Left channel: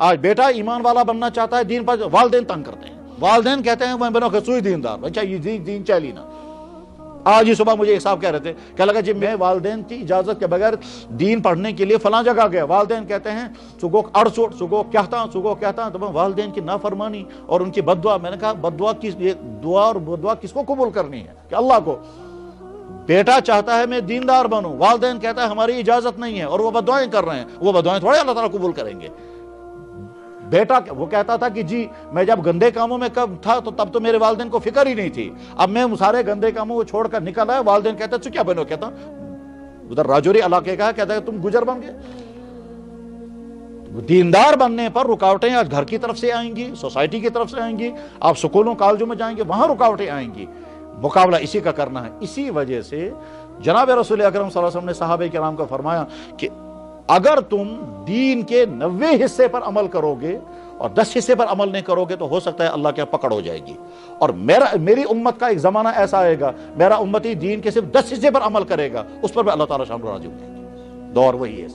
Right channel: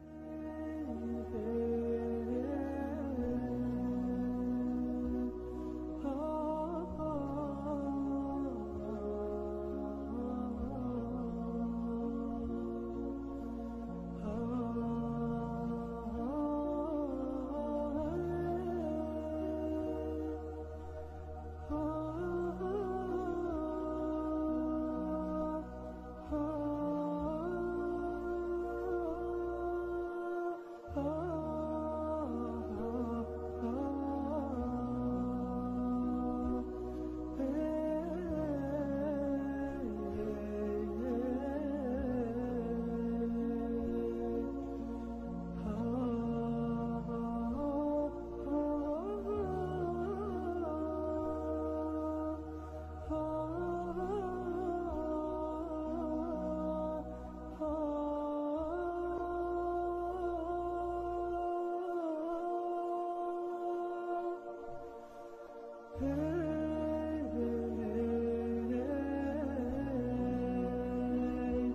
آج بیٹا ایمان والا بننا چاہتا ہے، دین پر والدین تنگ کرتے ہیں، والدین کہتے ہیں میں بنو خصوصی دیندار، اچھا یہ دین چلی نا۔ آج ہی صبح مجھے ایک صاحب کہہ رہے تھے کہ لگا جی میں والدین کی اجازت کے بغیر دین پڑھنے کے لیے فلاں جگہ گیا، والدین کہتے ہیں سگو اڑسوٹ سگو کہتا ہوں، تو والدین کی نافرمانی اور ان کی بد دعا۔ میں نے کہا بد دعا کس، دعا اور بد دعا کس کو قبول کرنی ہے؟ کہ اللہ کو۔ بیٹا چاہتا ہے میں دیندار بنوں، والدین کہتا ہے ہماری اجازت نہیں ہے اور وہ بد دعائیں کر رہے ہیں، وہ بد دعائیں تھوڑے اللہ تعالیٰ قبول کریں گے۔ بیٹا وہ کہتا تھا کہ جی میں جب گندے کاموں میں تھا تو تب تو میرے والدین کو فکر ہی نہیں تھی، اب میں سارے گندے کاموں کو چھوڑ کر نکل آیا، والدین کہتے ہیں تو کیا بنو؟ کہتا ادھر راجوری علاقے کا کہتا ہے تم گجر بن گئے۔ دیندار بننے پر رکاوٹیں آج گھر کی طرف سے آئیں گی، سوسائٹی کی طرف سے آئیں گی، آپ سکولوں کالجوں میں جائیں گے وہاں رکاوٹیں آئیں گی، مقابلہ اسی کا کرنا ہے۔ اسی وجہ سے جناب رسول اکرم صلی اللہ علیہ وسلم نے صحابہ کرام کو فرمایا کہ اگر تم دین کے 90 حصے پر عمل کرو گے اور 10 حصے پر عمل نہیں کرو گے تو ہو سکتا ہے اللہ کے پکڑ ہو جائے گی، اور میری امت کا ایک زمانہ ایسا آئے گا میرا امتی دین کے صرف 10 حصے پر عمل کرے گا، اس پر بھی اللہ تعالیٰ شان راضی ہوں گے۔ دور وہی ہے۔